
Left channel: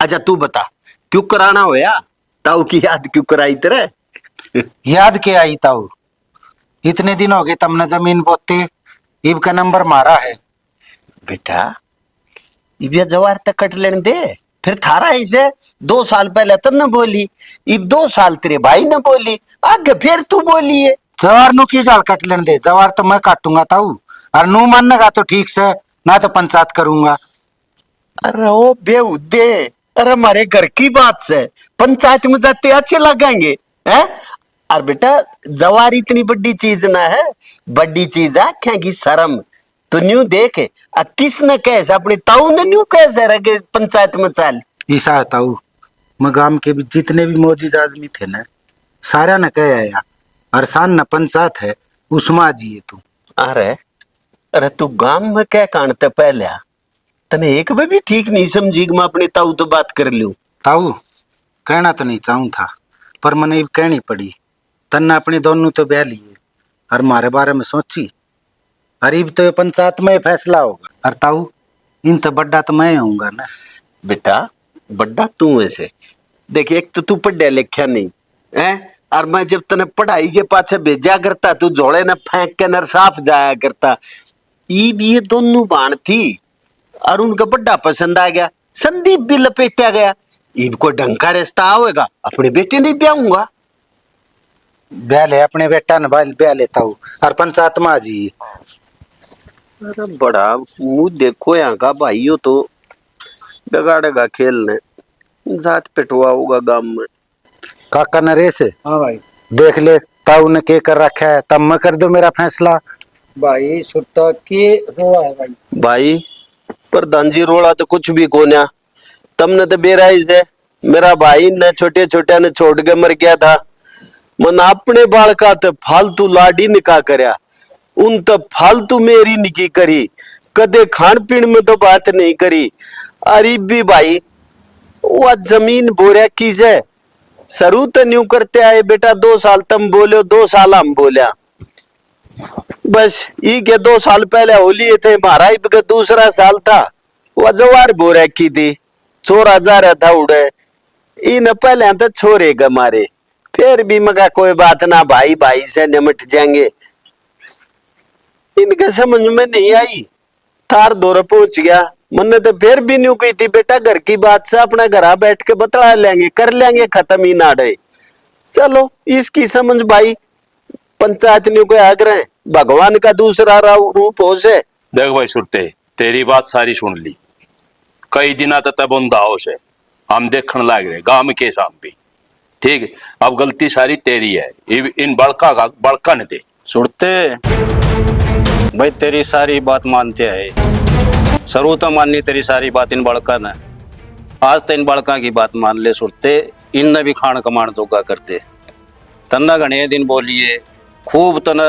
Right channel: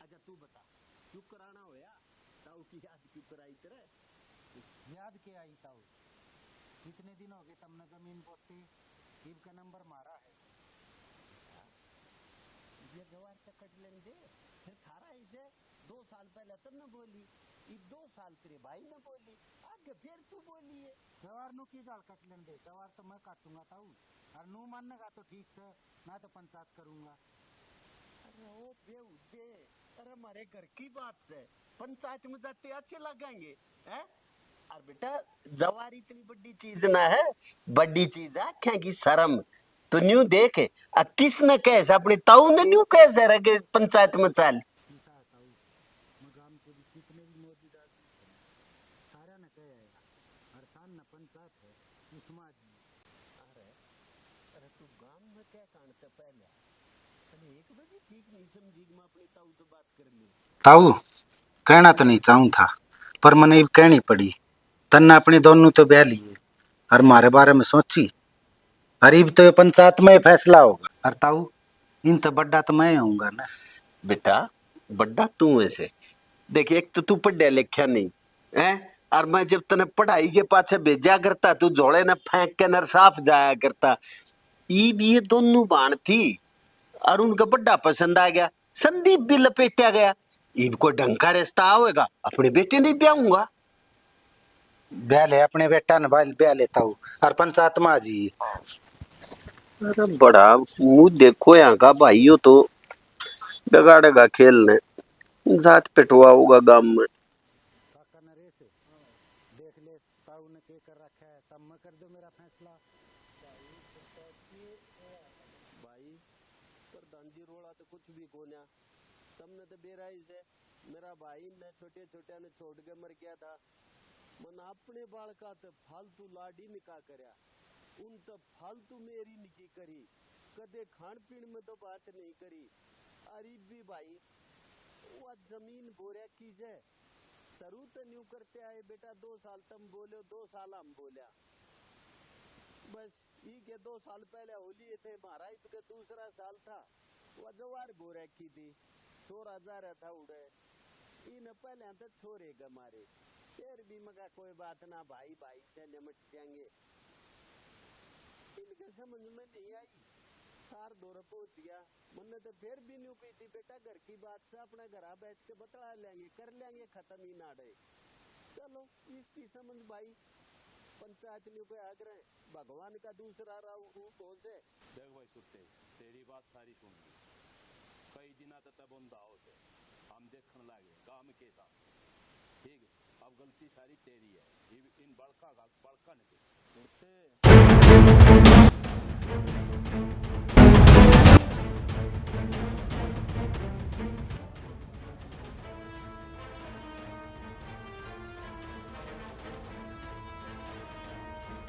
अच्छा तू बता क्यों कराना होया ताऊ की याद क्यों कराई तेरे? याद के आई ताऊ इतने दिन हो गए तुमने जमीन बोते ईब का नंबर मारा है। बेटा इबिया जवार तक कट लेने दे फिर थारा ऐसे 2 साल पहले तब न बोली, अब 2 साल तेरे भाई ने बोली, आगे फिर तू बोली है। जवार नु की जाल कट लेने दे, जवार तो मैं काटूंगा ताऊ, और नू मानेगा तो ठीक से, ना तो पंचायत करूंगा। अरे ओ बेहुदे, अरे हमारे घर की बात से पंचायत में जाते अच्छे लगेंगे हैं? और बेटा जवार इतनी बड़ी चीज ना है, बड़ी चीज है क्या की शर्म। तो न्यू देख, किसने कैसे अपने ताऊ ने न्यू कैसे रह के पंचायत में चल। ईसा है ताऊ, मैं गांव के भी जितने भी मौजूद आदमी थे ना, सारा ने कह आया, और सान न पंचायत है उसमा जी है तू। अरे अरे तू गांव में क्या कांडते पहले तने एक बार भी ठीक नहीं समझी कि मैं अपने ताऊ तो बात कर लूं। ताऊ कहना तो नहीं चाहूं था, पर मैंने कहनी पड़ी। तन्ने अपने दोनों तो ब्याह लिए, और मारे बारे में सोची, अरीब तो ये पंचायत में फैसला होगा। और ताऊ इन तो बड्डा तो मैं होऊंगा ना। बेटा बड्डा तू ऐसे देख, एक तो तू पढ़ा लिखा नहीं है, और मैं जब तने पढ़ाई के पाछे भेजा करता तू झोले ने फेंक के नर साफ जाया करता। ये दोनों बाण थी और उनका बड्डा पसंद आ गया, संदीप भी लपेटा गया। इब कोई ढंग का रिश्ता आवेगा अपने बेटे नहीं ब्याहूंगा। ब्याह ले अपने बेटा ने, ब्याह लेता हूँ, और पंचायत में आ जी। अरे बड़ा मुंह देखो यहाँ का भाइयों, तो बिगाड़ेगा खेल ने, जात पिटवा होगा गांव में। काका नरेश, हाँ भाई। देख ले ताऊ ने के कर रखा है, तब मैं कर दो मेरा फैसला। भाई सुरता के रोड़ा है भाई। भाई प्रधान जी रोड़ा तो कुछ भी कोन्या, तमने तो बेराई से मेरा भाई ने छोटे छोटे ने छोड़ के मर गया था। मन अपने बालका तो फालतू लाडी निकाह करया, उन तो फालतू मेरी निकी करी, कदे खान पीन में तो बात नहीं करी। अरे भी भाई वह जमीन बोरिया की से सरू तो न्यू करते आए बेटा, 2 साल तुम बोलो 2 साल हम बोलिया, बस ये के 2 साल पहले होली थे हमारा का दूसरा साल था। वह जवार बोरिया की थी, छोरा जा रहा था उड़े, इन पहले तो छोरे ग मारे, फिर भी मगा कोई बात ना, भाई भाई से निमट जाएंगे। इनके समझ में नहीं आई, थार दौर पहुंच गया। मैंने तो फिर भी न्यू कही थी बेटा घर की बात से अपना घर बैठ के बतला लेंगे, कर लेंगे खत्म ही ना डे। चलो इसकी समझ भाई पंचायत न्यू को आग्रह भगवान का दूसरा रूप हो से। देख भाई सुरते, तेरी बात सारी सुन ली, कई दिन तक बंदा हो से हम देखने लग रहे गांव के सामने, ठीक है? अब गलती सारी तेरी है, इन बड़का का बड़का ने दे। सुनते भाई तेरी सारी बात मानते हैं, सरू तो माननी तेरी सारी बात इन बड़का ने, आज तो इन बड़का की बात मान ले। सुनते इनने भी खान कमान जोगा करते, तन्ना घने दिन बोलिए खूब तना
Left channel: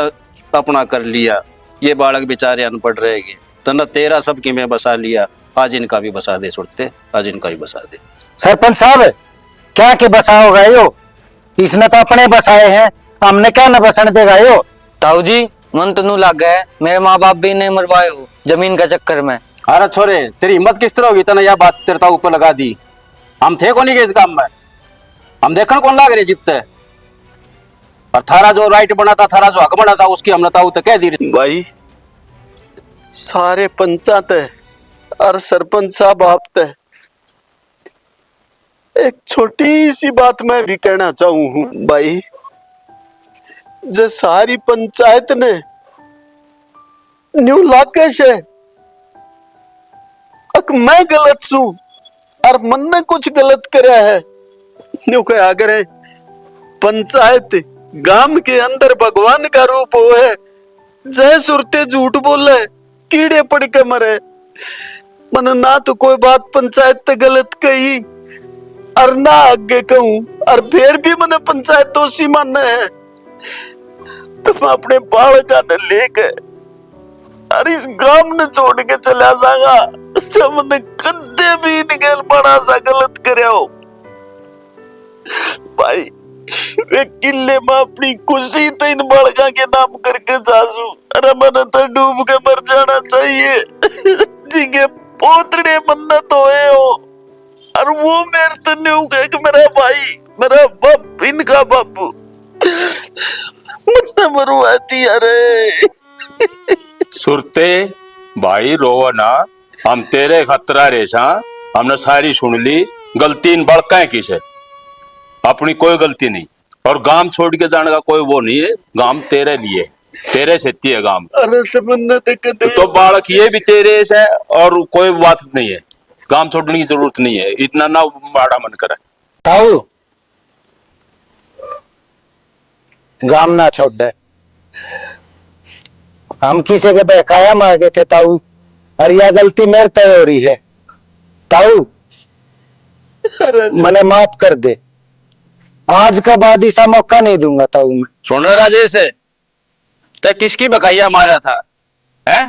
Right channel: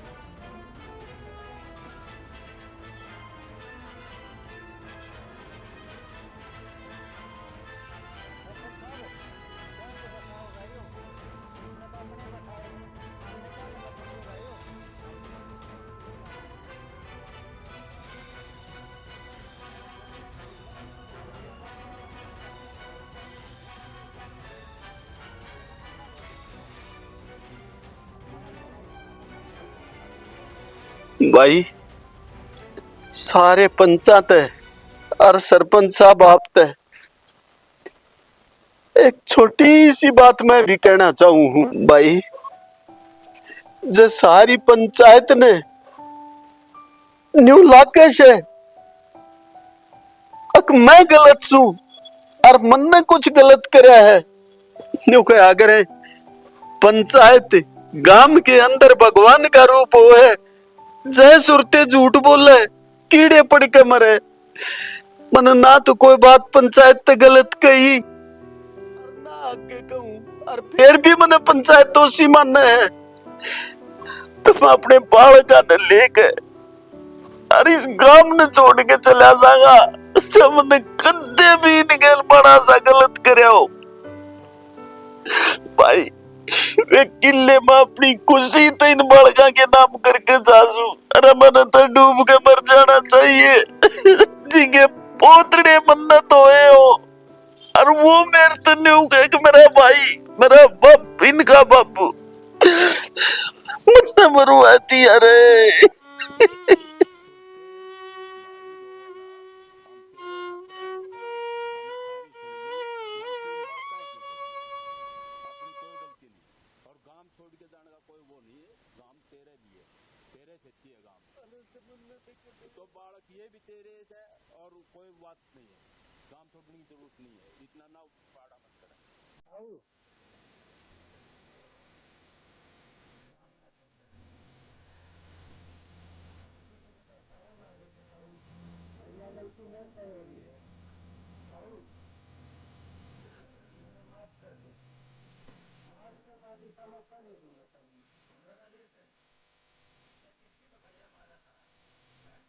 अपना कर लिया, ये बालक बेचारे अनपढ़ रहेंगे, तना तेरा सब की मैं बसा लिया, आज इनका भी बसा दे। सुनते आज इनका भी बसा दे। सरपंच साहब क्या के बसाओगा यो, इसने तो अपने बसाए हैं, हमने क्या न बसन देगा यो। ताऊ जी मन तो नू लग गया, मेरे माँ बाप भी ने मरवाए हो जमीन का चक्कर में। अरे छोरे तेरी हिम्मत किस तरह होगी, तना यह बात तेरे ताऊ ऊपर लगा दी। हम थे कौन के इस काम में, हम देखने कौन लाग रहे जिपते, और थारा जो राइट बना था, थारा जो हक बना था, उसकी हमने ताऊ तो कह दी। भाई सारे पंचायत है और सरपंच साहब आप तय, एक छोटी सी बात मैं भी कहना चाहूं हूं भाई, जो सारी पंचायत ने न्यू लाकेश है, अक मैं गलत छू और मन ने कुछ गलत करा है, न्यू क्या आगे पंचायत गांव के अंदर भगवान का रूप हो है, जय सुरते झूठ बोले कीड़े पड़ के मरे। मन ना तो कोई बात पंचायत ते गलत कही और ना आगे कहूं, और फिर भी मैंने पंचायत दोषी मानना है, तो मैं अपने बालका ने लेकर और इस गांव ने छोड़ के चला जाऊंगा, सबने कदे भी निकल बड़ा सा गलत करे हो भाई। वे किले में अपनी खुशी तो इन बालका के नाम करके जासू, अरे मैंने तो डूब के मर जाना चाहिए जी के पोतड़े मन्नत होए हो, और वो मेरे तो नहीं गए कि मेरा भाई मेरा बाप इनका बापू मन्ना मरवाती। अरे सुरते भाई रोवा ना, हम तेरे खतरा रेसा, हमने सारी सुन ली। गलती इन बड़का की है, अपनी कोई गलती नहीं। और गांव छोड़ के जाने का कोई वो नहीं है। गांव तेरे लिए, तेरे से है गांव। अरे समझना तो बालक ये भी तेरे से, और कोई बात नहीं है। गांव छोड़ने की जरूरत नहीं है, इतना ना माड़ा मन करे। ताऊ गाम ना छोड़ दे, हम किसी के बहकाया मार गए थे ताऊ, और यह गलती मेरे तय हो रही है ताऊ, मैंने माफ कर दे। आज का बाद ऐसा मौका नहीं दूंगा ताऊ मैं। सुन रहा राजेश, ते किसकी बकाइया मारा था है?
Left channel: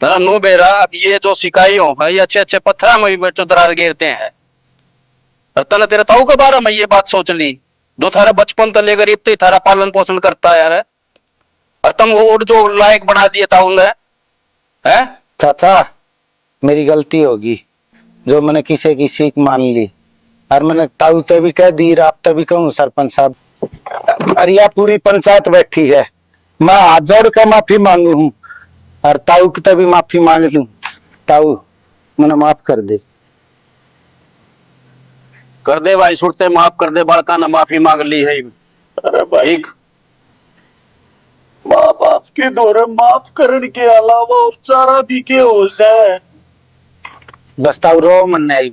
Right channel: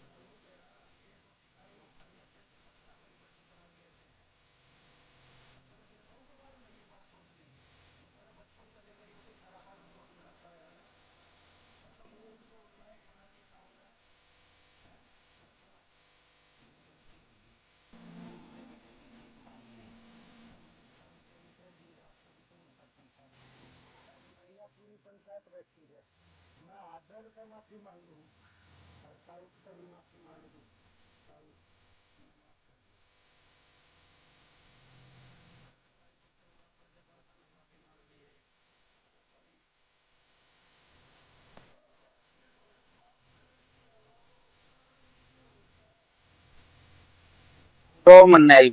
तेरा नो बेरा अब ये जो सिकाई हो भाई, अच्छे अच्छे पत्थर में भी बच्चों दरार गिरते हैं। और तने तेरे ताऊ के बारे में ये बात सोच ली, जो थारा बचपन तो लेकर इतने थारा पालन पोषण करता है यार, और तुम वो जो लायक बना दिए ताऊ ने है? चाचा मेरी गलती होगी जो मैंने किसी की सीख मान ली, और मैंने ताऊ तो भी कह दी, आप तो भी कहूँ सरपंच साहब, और यह पूरी पंचायत बैठी है, मैं हाथ जोड़ कर माफी मांगू हूँ, और ताऊ की तो भी माफी मांग लूं। ताऊ मैंने माफ कर दे। कर दे भाई, सुनते माफ कर दे, बालका ने माफी मांग ली है। अरे भाई माँ बाप के दौरे माफ करने के अलावा उपचारा भी के हो जाए। बस ताऊ रो मन नहीं।